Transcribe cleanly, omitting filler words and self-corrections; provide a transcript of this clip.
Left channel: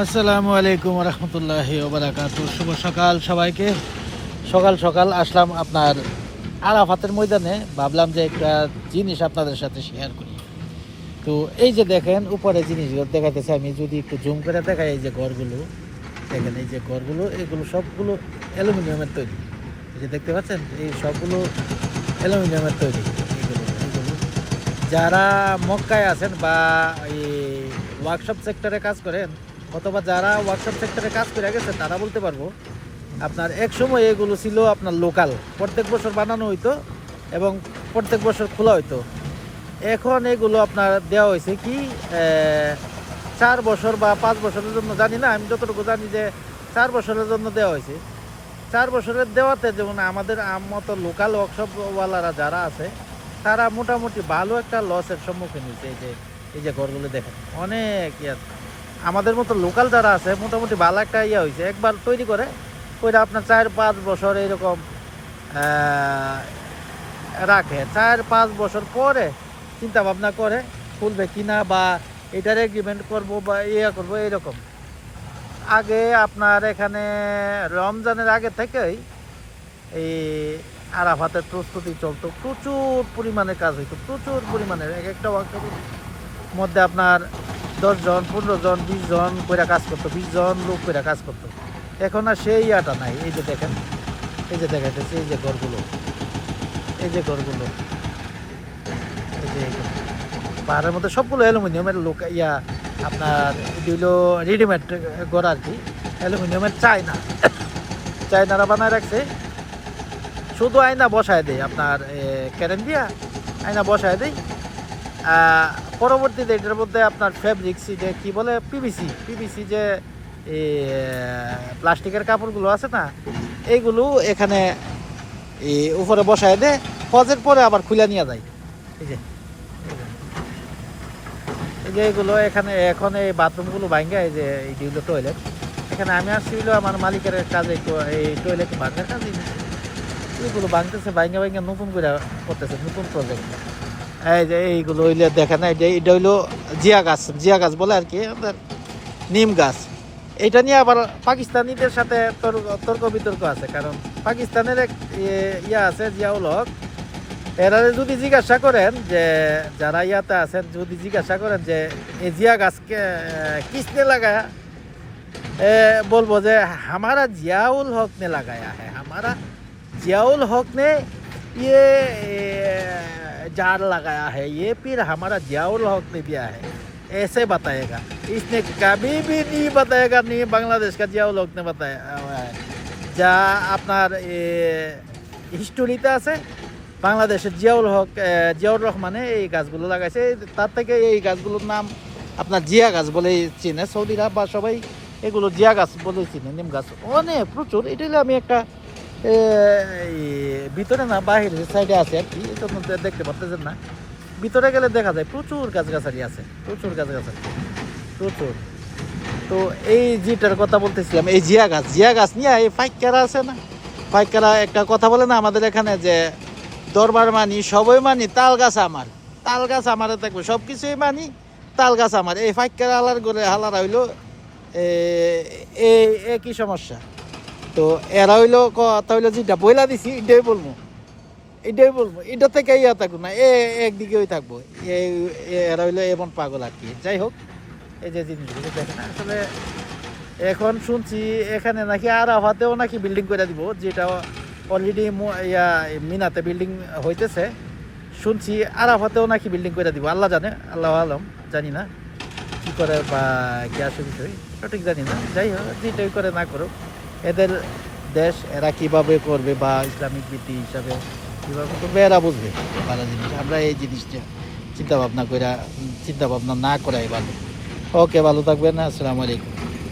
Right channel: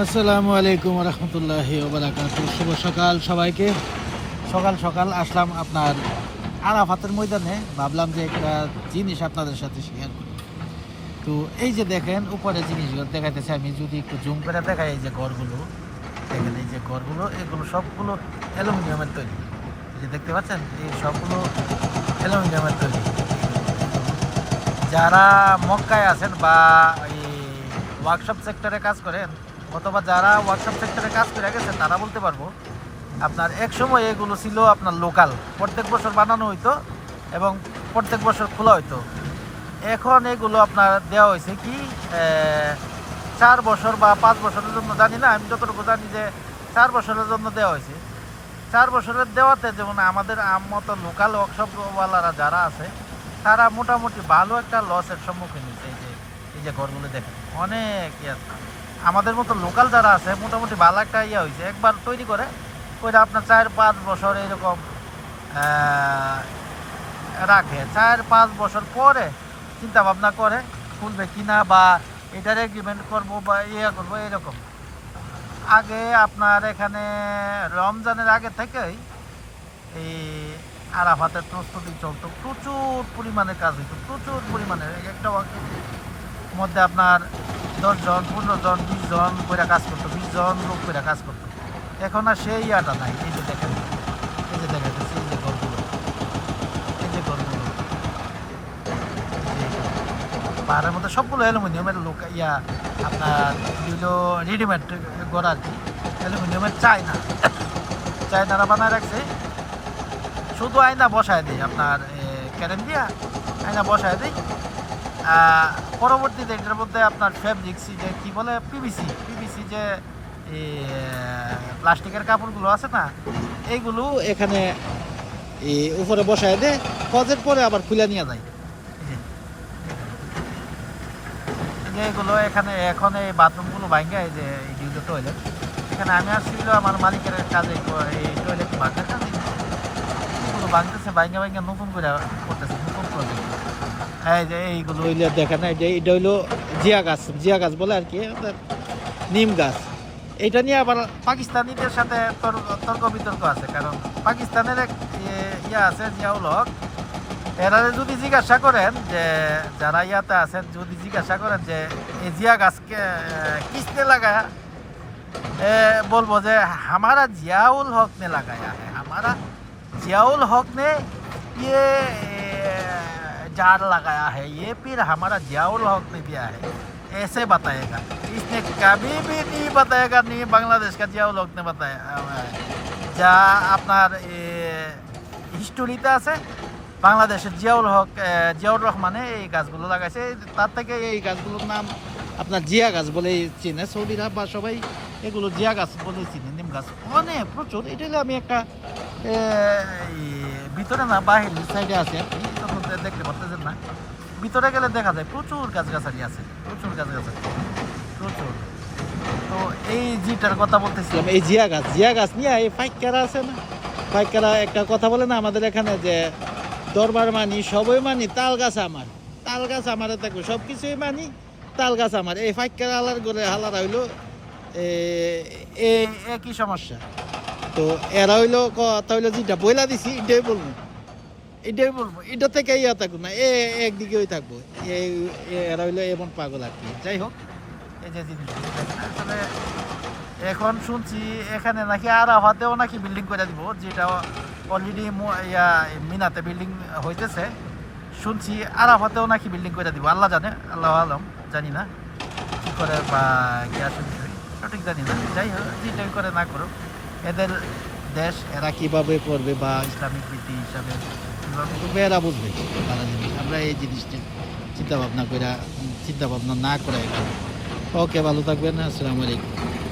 আসসালামু আলাইকুম রহমতুল্লাহি ওয়া বারাকাতুহু। শুভ সকাল সবাইকে। সকাল সকাল আসলাম আপনার আরাফাতের ময়দানে। ভাবলাম যে একটা জিনিস আপনাদের সাথে শেয়ার করি। তো এই যে দেখেন উপরে জিনিসগুলো দেখাইতেছে, আমি যদি একটু জুম করে দেখাই, এই যে ঘরগুলো দেখেন, এই যে ঘরগুলো এগুলো সবগুলো অ্যালুমিনিয়ামের তৈরি। এই যে দেখতে পাচ্ছেন, এই সবগুলো অ্যালুমিনিয়ামের তৈরি। যারা মক্কায় আছেন বা এই ওয়ার্কশপ সেক্টরে কাজ করেন, অথবা যারা ওয়ার্কশপ সেক্টরে কাজ করে গেছেন, তারা বলতে পারবো আপনার এক সময় এগুলো ছিল আপনার লোকাল, প্রত্যেক বছর বানানো হইতো এবং প্রত্যেক বছর খোলা হইতো। এখন এগুলো আপনার দেওয়া হয়েছে কি 4 বছর বা 5 বছরের জন্য, জানি না, আমি যতটুকু জানি যে 4 বছরের জন্য দেওয়া হয়েছে। 4 বছরের দেওয়াতে যেমন আমাদের মতো লোকাল ওয়ার্কশপওয়ালারা যারা আছে, তারা মোটামুটি ভালো একটা লসের সম্মুখীন হয়েছে। এই যে ঘরগুলো দেখেন, অনেক আমাদের মতো লোকাল যারা আছে মোটামুটি ভালো একটা হয়েছে। একবার তৈরি করে ওইটা আপনার 4-5 বছর এরকম রাখে। 4-5 বছর পরে চিন্তা ভাবনা করে খুলবে কিনা বা এটার এগ্রিমেন্ট করবো বা করবো এরকম। আগে আপনার এখানে রমজানের আগে থেকেই এই আরাফাতের প্রস্তুতি চলতো, প্রচুর পরিমাণে কাজ হইতো, প্রচুর পরিমাণে। একটা মধ্যে আপনার 10 জন 15 জন 20 জন করে কাজ করতো, 20 জন লোক করে কাজ করতো। এখন আর সেই আটা নাই। এই যে দেখেন, এই যে দেখাইতেছে, এই যে ঘরগুলো, এই যে ঘরগুলো, পাহাড়ের মধ্যে সবগুলো অ্যালুমিনিয়ামের লোক আপনার এগুলো রেডিমেড ঘর আর কি। অ্যালুমিনিয়ামের চায়নারা বানায় রাখছে। শুধু আয়না বসায় দেয় আপনার ক্যারেন দিয়া, আয়না বসায় দেয়। পরবর্তীতে এটার মধ্যে আপনার ফেব্রিক্স, যে কি বলে, পিভিসি যে প্লাস্টিকের কাপড়গুলো আছে না, এইগুলো এখানে উপরে বসায় দেয়। ফজের পরে আবার খুলে নিয়ে যায়। এই যে এইগুলো এখানে এখন এই বাথরুমগুলো ভাঙ্গা, এই যে এইগুলো টয়লেট। এখানে আমি আসছিল আমার মালিকের কাজে, এই টয়লেট ভাঙার কাজে এগুলো ভাঙতেছে, ভাঙ্গা নতুন করে করতেছে, নতুন প্রজেক্ট। এই যে এইগুলো হইলে দেখেন, এই যে এটা হইলো জিয়া গাছ বলে আর কি, নিম গাছ। এটা নিয়ে আবার পাকিস্তানিদের সাথে তর্ক বিতর্ক আছে, কারণ পাকিস্তানের এক আছে জিয়াউল হক। এরা যদি জিজ্ঞাসা করেন, যে যারা ইয়াতে আছেন, যদি জিজ্ঞাসা করেন যে এই জিয়া গাছকে কিসনে লাগায়া, বলবো যে हमारा जियाउल हक ने लगाया है, हमारा जियाउल हक ने ये जार लगाया है, ये फिर हमारा जियाउल हक ने दिया है, ऐसे बताएगा। इसने कभी भी नहीं बताएगा नहीं बांग्लादेश का जियाउल हक ने बताया। যা আপনার হিস্টোরিতে আছে, বাংলাদেশের জিয়াউর রহমানে এই গাছগুলো লাগাইছে। তার থেকে এই গাছগুলোর নাম আপনার জিয়া গাছ বলে চিনে সৌদিরা, বা সবাই এগুলো জিয়া গাছ বলে চিনে। নিম গাছ অনেক প্রচুর। এটা আমি একটা ভিতরে না বাহিরের সাইডে আছে আর কি, দেখতে পাচ্ছেন না। ভিতরে গেলে দেখা যায় প্রচুর গাছগাছালি আছে, প্রচুর গাছগাছালি, প্রচুর। তো এই যেটার কথা বলতেছিলাম, এই জিয়া গাছ নিয়ে এই ফাইকারা আছে না, ফাইকারা একটা কথা বলে না আমাদের এখানে, যে দরবার মানি, সবই মানি, তাল গাছ আমারে থাকবে, সব কিছুই মানি, তাল গাছ আমার। এই ফাইকারা হালার করে হালারা হইলো একই সমস্যা। তো এরা হইলো কথা হইলো, যেটা বইলা দিছি এটাই বলবো, এটা থেকে ইয়া থাকবো না, একদিকে ওই থাকবো। এরা হইলো এমন পাগল আর কি। যাই হোক, এই যে জিনিসগুলো দেখেন, আসলে এখন শুনছি এখানে নাকি আরাফাতেও নাকি বিল্ডিং করে দিব, যেটা অলরেডি মিনাতে বিল্ডিং হইতেছে। শুনছি আরাফাতেও নাকি বিল্ডিং করে দিব, আল্লাহ জানে, আল্লাহ আলম, জানি না কি করে বা গ্যাস বিষয় সঠিক জানি না। যাই হোক, যেটাই করে না করুক, এদের দেশ, এরা কিভাবে করবে বা ইসলামিক রীতি হিসাবে কীভাবে করবে এরা বুঝবে। তারা জিনিস আমরা এই জিনিসটা চিন্তা ভাবনা না করাই ভালো। ওকে, ভালো থাকবেন। আসসালামু আলাইকুম।